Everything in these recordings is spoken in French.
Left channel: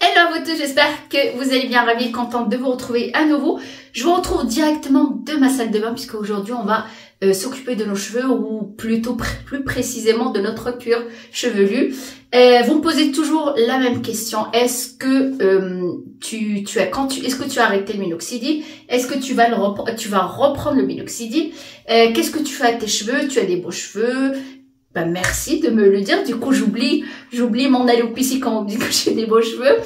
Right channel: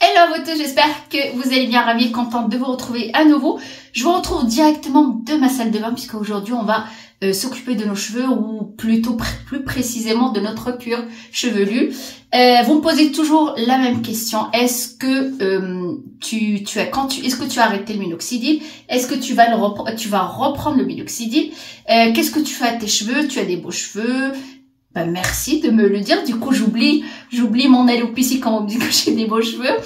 Hello à vous tous, j'espère que vous allez bien, ravie et contente de vous retrouver à nouveau. Je vous retrouve directement de ma salle de bain puisqu'aujourd'hui on va s'occuper de nos cheveux ou plutôt plus précisément de notre cuir chevelu. Vous me posez toujours la même question, est-ce que est-ce que tu as arrêté le minoxidil? Est-ce que tu vas reprendre le minoxidil? Qu'est-ce que tu fais à tes cheveux? Tu as des beaux cheveux? Ben, merci de me le dire. Du coup, j'oublie mon alopécie quand on me dit que j'ai des beaux cheveux.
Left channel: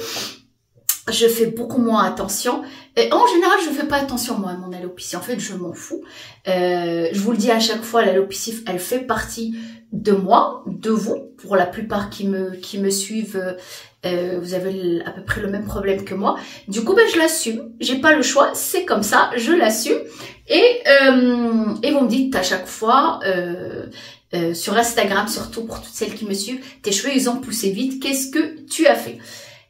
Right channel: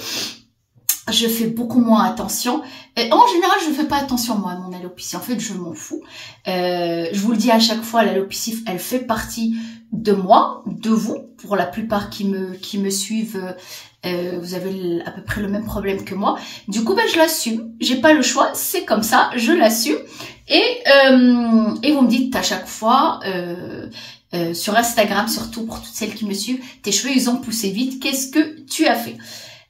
Je fais beaucoup moins attention. Et en général, je fais pas attention moi à mon alopécie. En fait, je m'en fous. Je vous le dis à chaque fois, l'alopécie, elle fait partie de moi, de vous. Pour la plupart qui me suivent, vous avez à peu près le même problème que moi. Du coup, ben, je l'assume. J'ai pas le choix. C'est comme ça. Je l'assume. Et vous me dites à chaque fois. Sur Instagram, surtout pour toutes celles qui me suivent, tes cheveux ils ont poussé vite, qu'est-ce que tu as fait?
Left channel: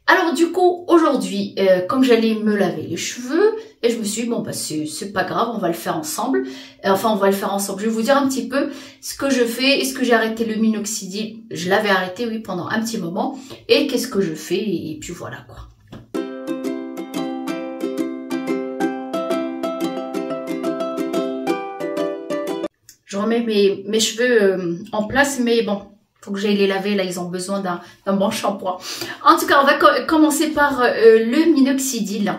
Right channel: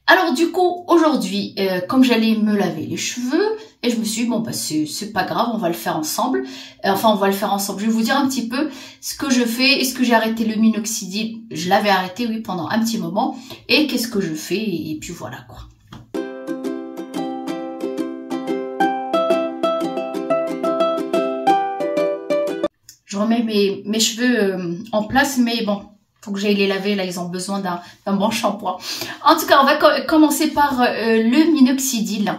Alors du coup aujourd'hui, comme j'allais me laver les cheveux, et je me suis dit bon bah c'est pas grave, on va le faire ensemble. Enfin on va le faire ensemble. Je vais vous dire un petit peu ce que je fais. Est-ce que j'ai arrêté le minoxidil? Je l'avais arrêté oui pendant un petit moment. Et qu'est-ce que je fais? Et puis voilà quoi. Je remets mes cheveux en place, mais bon, faut que j'aille les laver. Là, ils ont besoin d'un bon shampoing. En tout cas, on va commencer par le minoxidil.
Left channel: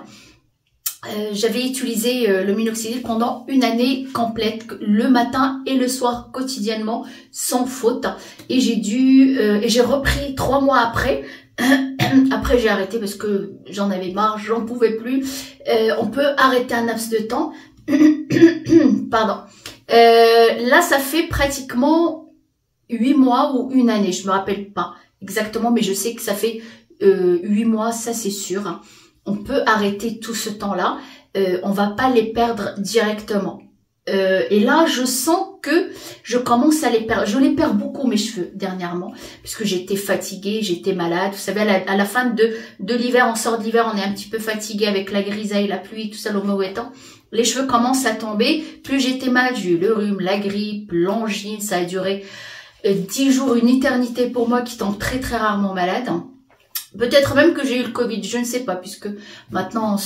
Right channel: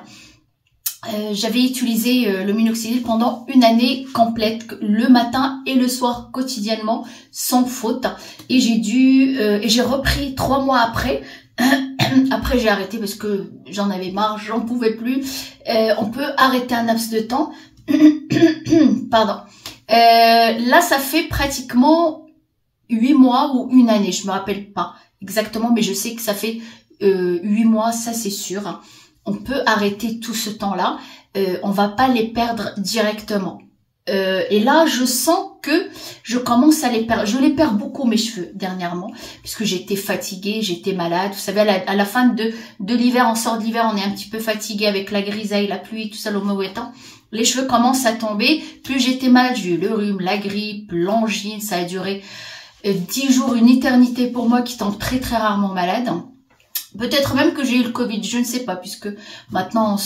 J'avais utilisé le minoxidil pendant une année complète, le matin et le soir, quotidiennement, sans faute. Et j'ai repris 3 mois après. Après, j'ai arrêté parce que j'en avais marre, j'en pouvais plus. On peut arrêter un laps de temps. Pardon. Là, ça fait pratiquement 8 mois ou une année. Je me rappelle pas exactement, mais je sais que ça fait 8 mois, ça c'est sûr. On peut arrêter tout ce temps-là. On va pas les perdre directement. Et là, je sens que je commence à les perdre. Je les perds beaucoup, mes cheveux, dernièrement, puisque j'étais fatiguée, j'étais malade. Vous savez, à la fin de l'hiver, on sort de l'hiver, on est un petit peu fatigué avec la grisaille, la pluie, tout ça, le mauvais temps. Les cheveux commencent à tomber. Plus j'étais malade, j'ai eu le rhume, la grippe, l'angine. Ça a duré 10 jours, une éternité pour moi qui tombe très très rarement malade. Peut-être même que j'ai eu le Covid, je ne sais pas, puisque maintenant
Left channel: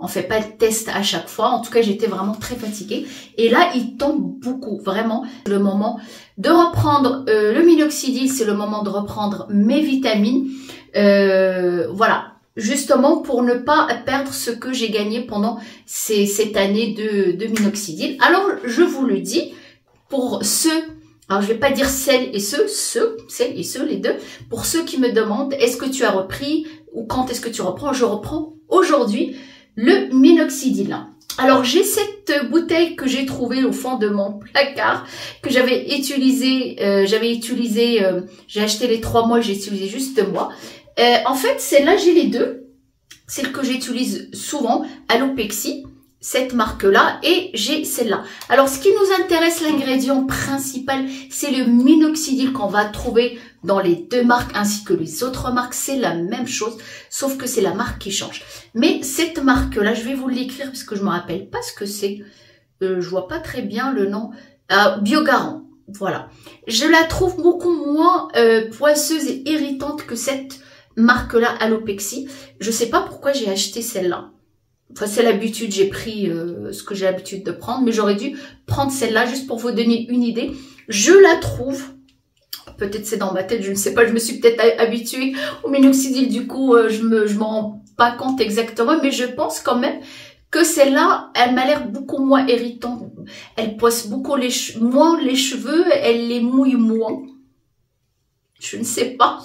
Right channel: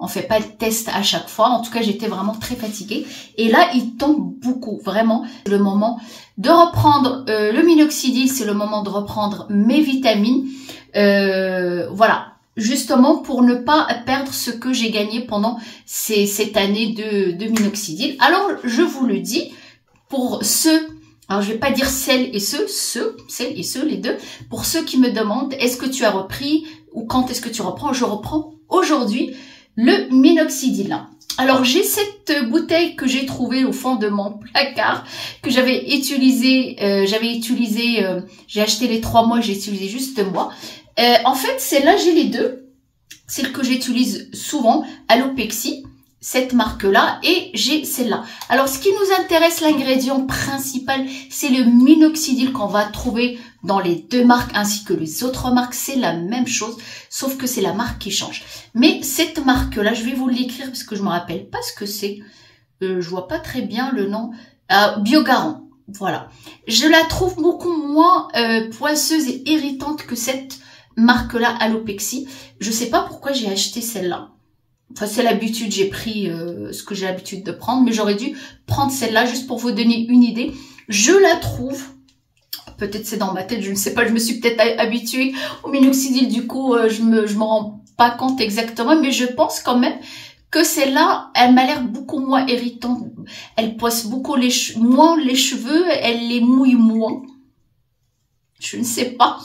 on fait pas le test à chaque fois. En tout cas, j'étais vraiment très fatiguée. Et là, il tombe beaucoup, vraiment. Le moment de reprendre le minoxidil, c'est le moment de reprendre mes vitamines. Voilà. Justement pour ne pas perdre ce que j'ai gagné pendant cette année de minoxidil. Alors, je vous le dis, pour ceux, alors je vais pas dire celles et ceux, les deux, pour ceux qui me demandent, est-ce que tu as repris ou quand est-ce que tu reprends? Je reprends aujourd'hui le minoxidil. Alors, j'ai cette bouteille que j'ai trouvée au fond de mon placard, que j'avais utilisée, j'ai acheté les 3 mois, j'ai utilisé juste moi. En fait, celle-là, j'ai les deux. Celle que j'utilise souvent, Alopexy, cette marque-là, et j'ai celle-là. Alors, ce qui nous intéresse, l'ingrédient principal, c'est le minoxidil qu'on va trouver dans les deux marques, ainsi que les autres marques. C'est la même chose, sauf que c'est la marque qui change. Mais cette marque-là, je vais vous l'écrire parce que je me rappelle pas ce que c'est. Je vois pas très bien le nom. Biogarant. Voilà. Je la trouve beaucoup moins poisseuse et irritante que cette marque-là, Alopexy. Je sais pas pourquoi j'ai acheté celle-là. Enfin, c'est l'habitude, j'ai pris ce que j'ai l'habitude de prendre, mais j'aurais dû prendre celle-là juste pour vous donner une idée. Je la trouve, peut-être c'est dans ma tête, je ne sais pas, je me suis peut-être habituée au minoxidil, du coup, je me rends pas compte exactement, mais je pense quand même que celle-là, elle m'a l'air beaucoup moins irritante. Elle poisse beaucoup moins les cheveux, elle les mouille moins. Je ne sais pas.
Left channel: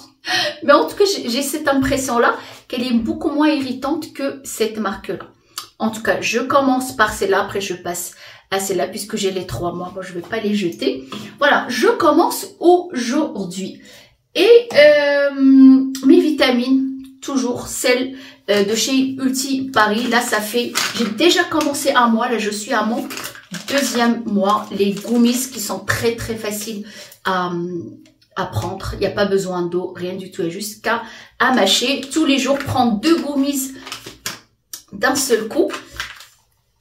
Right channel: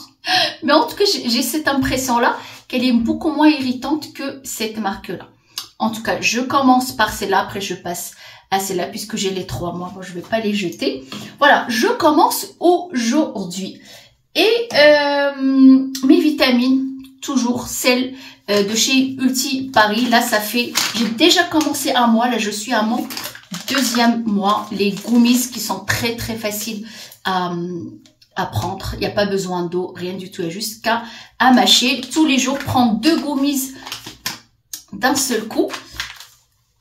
Mais en tout cas, j'ai cette impression-là qu'elle est beaucoup moins irritante que cette marque-là. En tout cas, je commence par celle-là. Après, je passe à celle-là puisque j'ai les 3 mois. Moi, je ne vais pas les jeter. Voilà, je commence aujourd'hui. Et mes vitamines, toujours celles de chez Ulti Paris. Là, ça fait... J'ai déjà commencé un mois. Là, je suis à mon 2e mois. Les gummies qui sont très, très faciles à prendre, il n'y a pas besoin d'eau, rien du tout, il y a juste qu'à mâcher. Tous les jours, prendre 2 gummies d'un seul coup.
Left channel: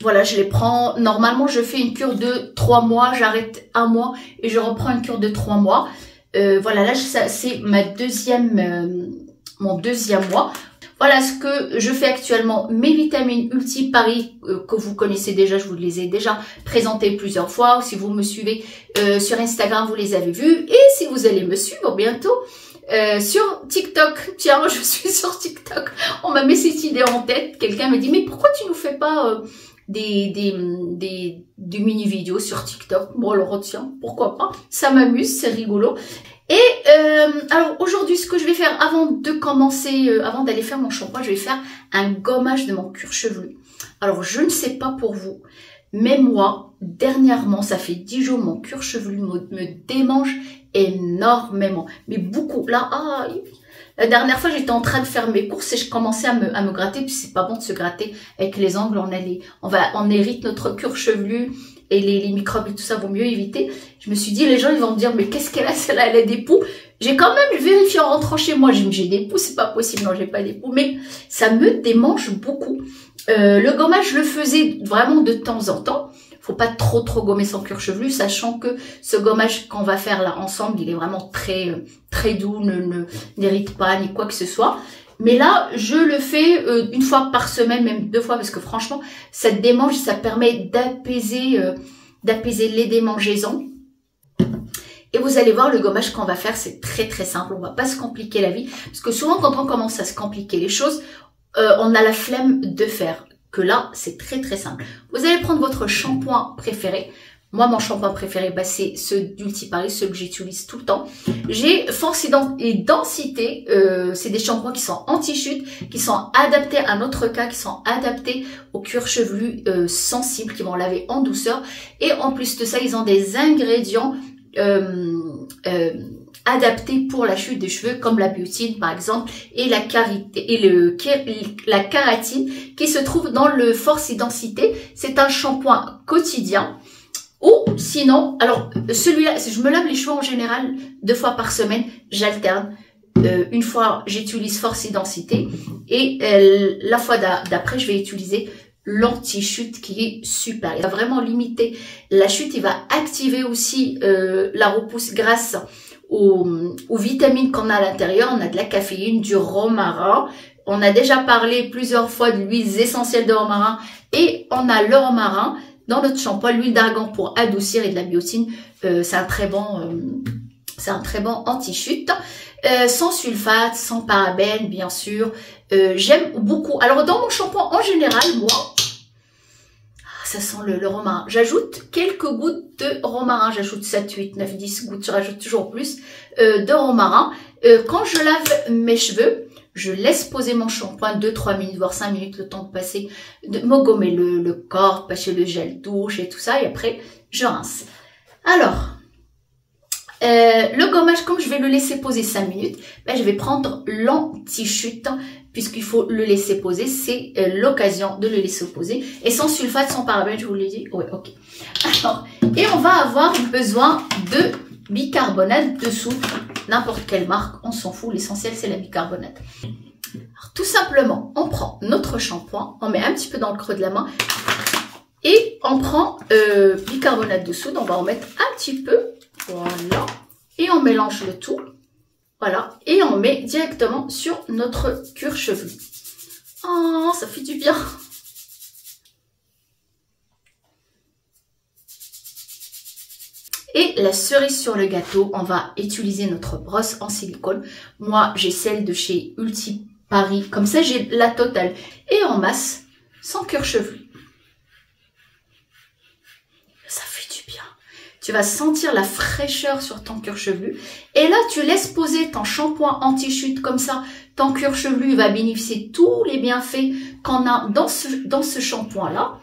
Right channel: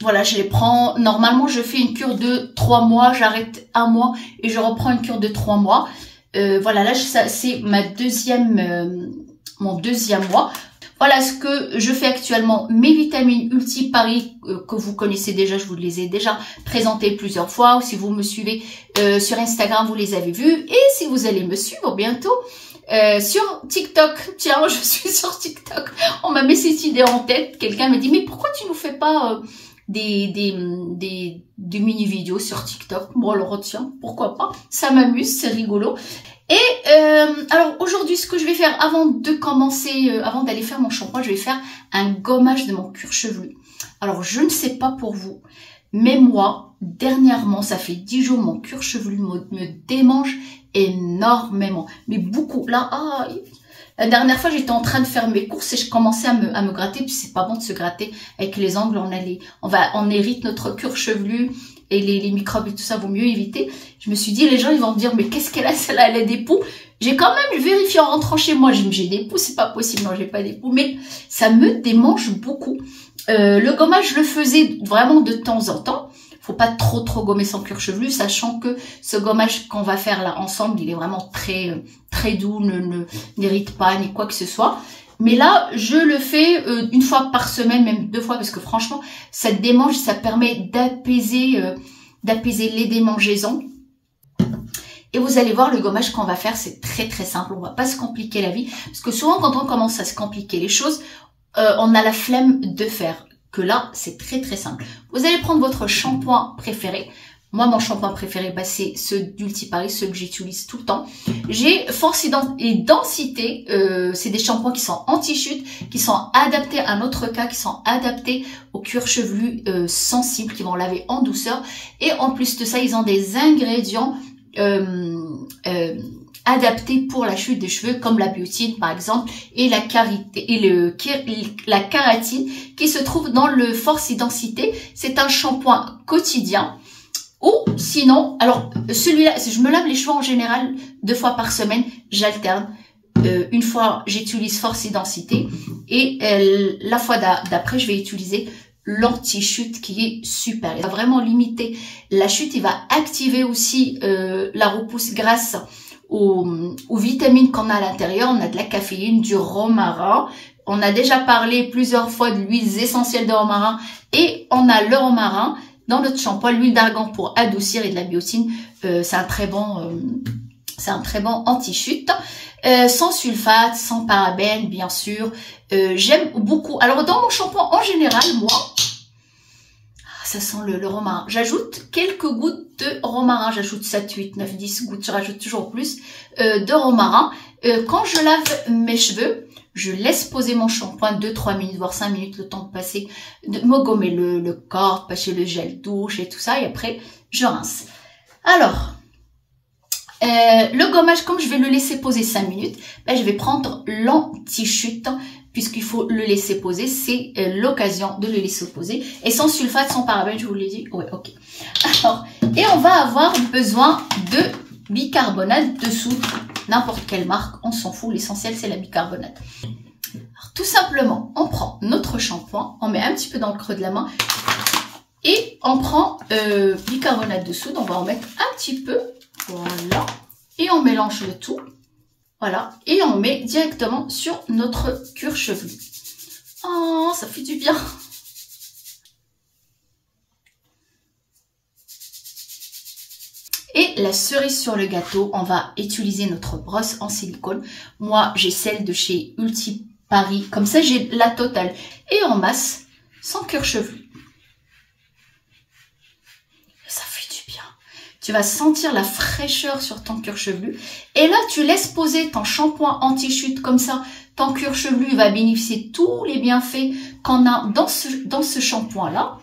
Voilà, je les prends. Normalement, je fais une cure de 3 mois, j'arrête 1 mois et je reprends une cure de 3 mois. Voilà, là, c'est ma deuxième mon deuxième mois. Voilà ce que je fais actuellement. Mes vitamines Ulti Paris que vous connaissez déjà, je vous les ai déjà présentées plusieurs fois. Ou si vous me suivez sur Instagram, vous les avez vues. Et si vous allez me suivre bientôt sur TikTok. Tiens, je suis sur TikTok. On m'a mis cette idée en tête. Quelqu'un me dit, mais pourquoi tu nous fais pas des mini-vidéos sur TikTok? Bon, alors retiens, pourquoi pas. Ça m'amuse, c'est rigolo. Et alors aujourd'hui, ce que je vais faire avant de commencer, avant d'aller faire mon shampoing, je vais faire un gommage de mon cuir chevelu. Alors je ne sais pas pour vous, mais moi, dernièrement, ça fait 10 jours, mon cuir chevelu me démange énormément. Mais beaucoup. Là, la dernière fois, j'étais en train de faire mes courses et je commençais à me gratter. Puis c'est pas bon de se gratter avec les ongles. On hérite notre cuir chevelu. Et les microbes et tout ça, vaut mieux éviter. Je me suis dit, les gens, ils vont me dire, mais qu'est-ce qu'elle a, celle-là, elle a des poux. J'ai quand même vérifié en rentrant chez moi, j'ai des poux, c'est pas possible, non, j'ai pas des poux, mais ça me démange beaucoup. Le gommage, je le faisais vraiment de temps en temps. Faut pas trop gommer son cuir chevelu, sachant que ce gommage qu'on va faire là ensemble, il est vraiment très doux, n'irrite pas, ni quoi que ce soit. Mais là, je le fais une fois par semaine, même 2 fois, parce que franchement, ça démange, ça permet d'apaiser les démangeaisons. Et vous allez voir, le gommage qu'on va faire, c'est très simple. On va pas se compliquer la vie, parce que souvent, quand on commence à se compliquer les choses, on a la flemme de faire. Que là, c'est très simple. Vous allez prendre votre shampoing préféré. Moi, mon shampoing préféré, c'est ceux d'Ulti Paris, ceux que j'utilise tout le temps. J'ai Force et Densité. C'est des shampoings qui sont anti-chute, qui sont adaptés à notre cas, qui sont adaptés au cuir chevelu sensible, qui vont laver en douceur. Et en plus de ça, ils ont des ingrédients adaptés pour la chute des cheveux, comme la biotine par exemple, et la kératine qui se trouve dans le Force et Densité. C'est un shampoing quotidien. Ou sinon, alors celui-là, je me lave les cheveux en général 2 fois par semaine, j'alterne. Une fois, j'utilise Force et Densité et la fois d'après, je vais utiliser l'anti-chute qui est super. Il va vraiment limiter la chute, il va activer aussi la repousse grâce aux vitamines qu'on a à l'intérieur. On a de la caféine, du romarin. On a déjà parlé plusieurs fois de l'huile essentielle de romarin et on a le romarin. Dans notre shampoing, l'huile d'argan pour adoucir et de la biotine, c'est un très bon anti-chute. Sans sulfate, sans parabènes, bien sûr. J'aime beaucoup. Alors, dans mon shampoing, en général, moi, ça sent le romarin. J'ajoute quelques gouttes de romarin. J'ajoute 7, 8, 9, 10 gouttes. Je rajoute toujours plus de romarin. Quand je lave mes cheveux, je laisse poser mon shampoing 2-3 minutes, voire 5 minutes, le temps de passer, de me gommer le corps, passer le gel douche et tout ça. Et après, je rince. Alors, le gommage, comme je vais le laisser poser 5 minutes, je vais prendre l'anti-chute, puisqu'il faut le laisser poser. C'est l'occasion de le laisser poser. Et sans sulfate, sans parabènes, je vous l'ai dit. Oui, ok. Alors, et on va avoir besoin de bicarbonate de soude. N'importe quelle marque, on s'en fout. L'essentiel, c'est la bicarbonate. Alors, tout simplement, on prend notre shampoing, on met un petit peu dans le creux de la main et on prend bicarbonate de soude. On va en mettre un petit peu. Voilà. Et on mélange le tout. Voilà. Et on met directement sur notre cuir chevelu. Oh, ça fait du bien. Et la cerise sur le gâteau, on va utiliser notre brosse en silicone. Moi, j'ai celle de chez Ulti Paris. Comme ça, j'ai la totale. Et en masse, sans cuir chevelu. Ça fait du bien. Tu vas sentir la fraîcheur sur ton cuir chevelu. Et là, tu laisses poser ton shampoing anti-chute comme ça. Ton cuir chevelu va bénéficier de tous les bienfaits qu'on a dans ce shampoing-là.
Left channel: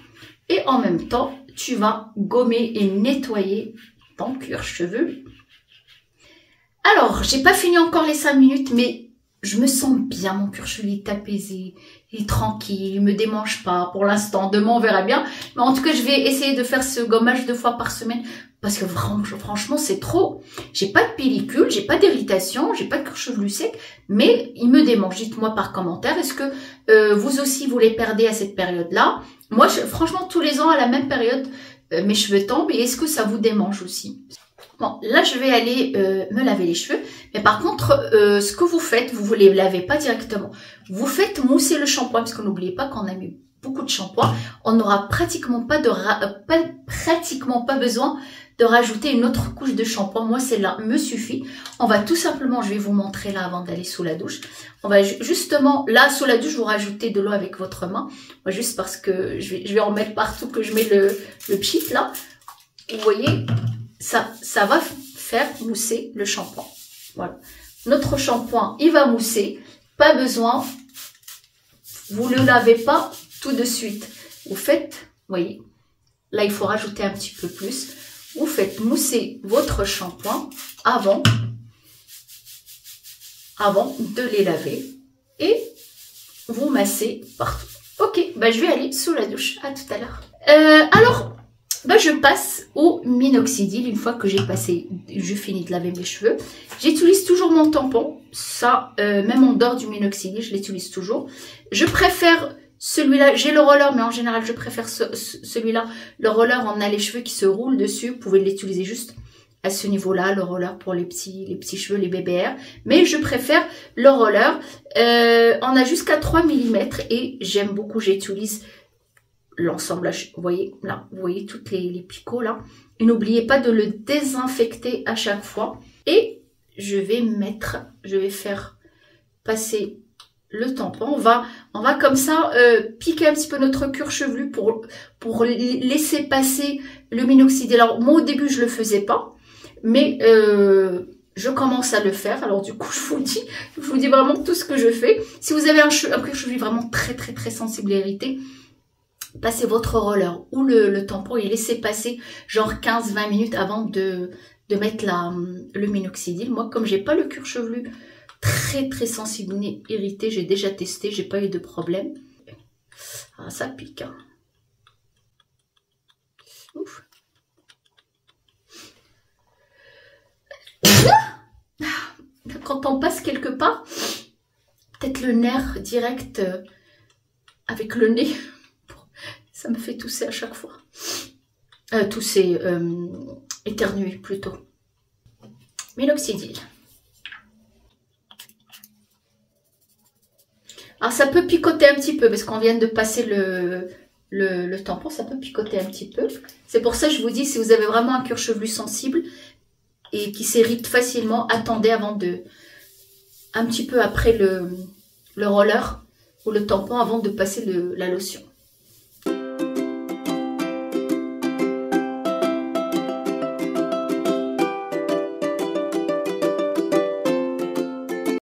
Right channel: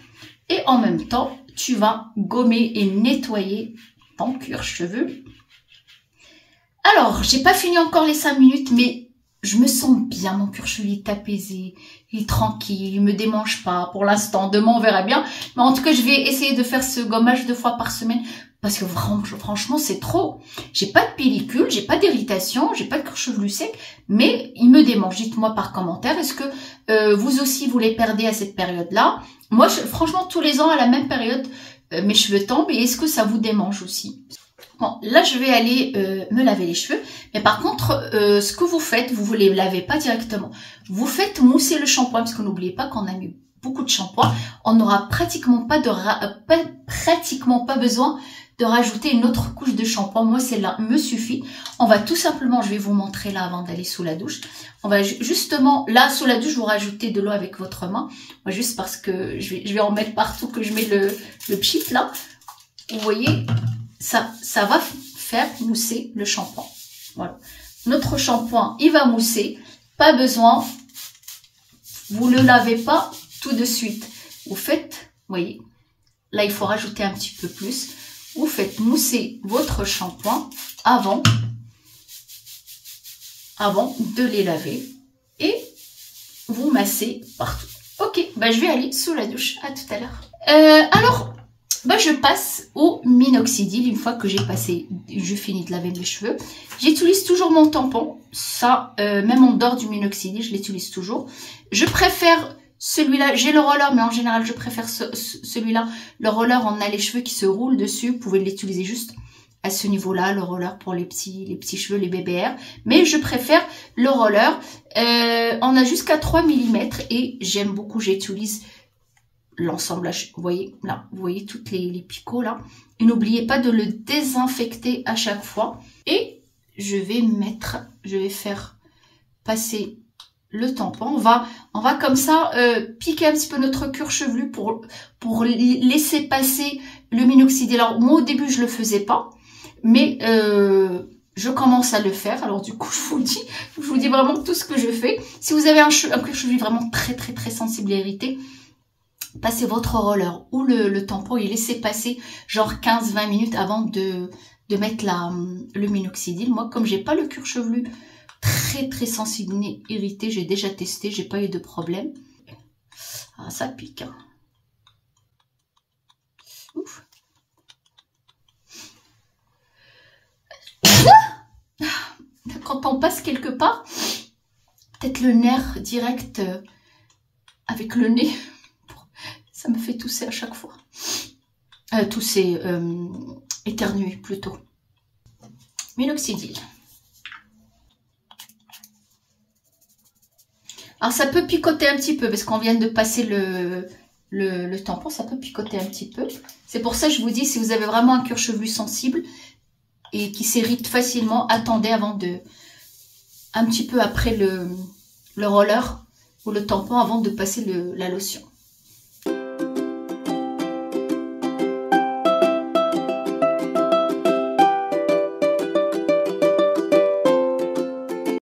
Et en même temps, tu vas gommer et nettoyer ton cuir chevelu. Alors, j'ai pas fini encore les 5 minutes, mais je me sens bien. Mon cuir chevelu est apaisé, il est tranquille, il me démange pas pour l'instant. Demain, on verra bien. Mais en tout cas, je vais essayer de faire ce gommage 2 fois par semaine parce que franchement, c'est trop. J'ai pas de pellicule, j'ai pas d'irritation, j'ai pas de cuir chevelu sec, mais il me démange. Dites-moi par commentaire, est-ce que vous aussi, vous les perdez à cette période-là? Moi, franchement, tous les ans, à la même période, mes cheveux tombent. Et est-ce que ça vous démange aussi? Bon, là, je vais aller me laver les cheveux. Mais par contre, ce que vous faites, vous ne les lavez pas directement. Vous faites mousser le shampoing, parce que n'oubliez pas qu'on a mis beaucoup de shampoing. On n'aura pratiquement pas besoin de rajouter une autre couche de shampoing. Moi, celle-là me suffit. On va tout simplement, je vais vous montrer là avant d'aller sous la douche. On va justement, là, sous la douche, vous rajoutez de l'eau avec votre main. Moi, juste parce que je vais en mettre partout, que je mets le pchit là. Vous voyez, ça va faire mousser le shampoing. Voilà. Notre shampoing, il va mousser. Pas besoin, vous ne le lavez pas tout de suite. Vous faites, vous voyez, là, il faut rajouter un petit peu plus. Vous faites mousser votre shampoing avant de les laver. Et vous massez partout. Ok, bah, je vais aller sous la douche. À tout à l'heure. Alors... bah, je passe au minoxidil. Une fois que je finis de laver mes cheveux, j'utilise toujours mon tampon. Ça, même en dehors du minoxidil, je l'utilise toujours. Je préfère celui-là. J'ai le roller, mais en général, je préfère celui-là. Le roller, on a les cheveux qui se roulent dessus. Vous pouvez l'utiliser juste à ce niveau-là. Le roller pour les petits cheveux, les BBR. Mais je préfère le roller. On a jusqu'à 3 mm et j'aime beaucoup. J'utilise l'ensemble, vous voyez là, vous voyez toutes les picots là. Et n'oubliez pas de le désinfecter à chaque fois. Et je vais faire passer le tampon. On va comme ça piquer un petit peu notre cuir chevelu pour laisser passer le minoxidil. Alors moi au début je le faisais pas, mais je commence à le faire. Alors du coup je vous dis vraiment tout ce que je fais. Si vous avez un cuir chevelu vraiment très sensible et irrité, passez votre roller ou le tampon et laissez passer genre 15-20 minutes avant de mettre le minoxidil. Moi, comme j'ai pas le cuir chevelu très sensible ni irrité, j'ai déjà testé, j'ai pas eu de problème. Ah, ça pique. Hein. Ouf. Quand on passe quelque part, peut-être le nerf direct avec le nez. Ça me fait tousser à chaque fois. Tousser, éternuer plutôt. Minoxidil. Alors ça peut picoter un petit peu parce qu'on vient de passer le tampon. Ça peut picoter un petit peu. C'est pour ça que je vous dis, si vous avez vraiment un cuir chevelu sensible et qui s'irrite facilement, attendez avant un petit peu après le roller ou le tampon avant de passer la lotion.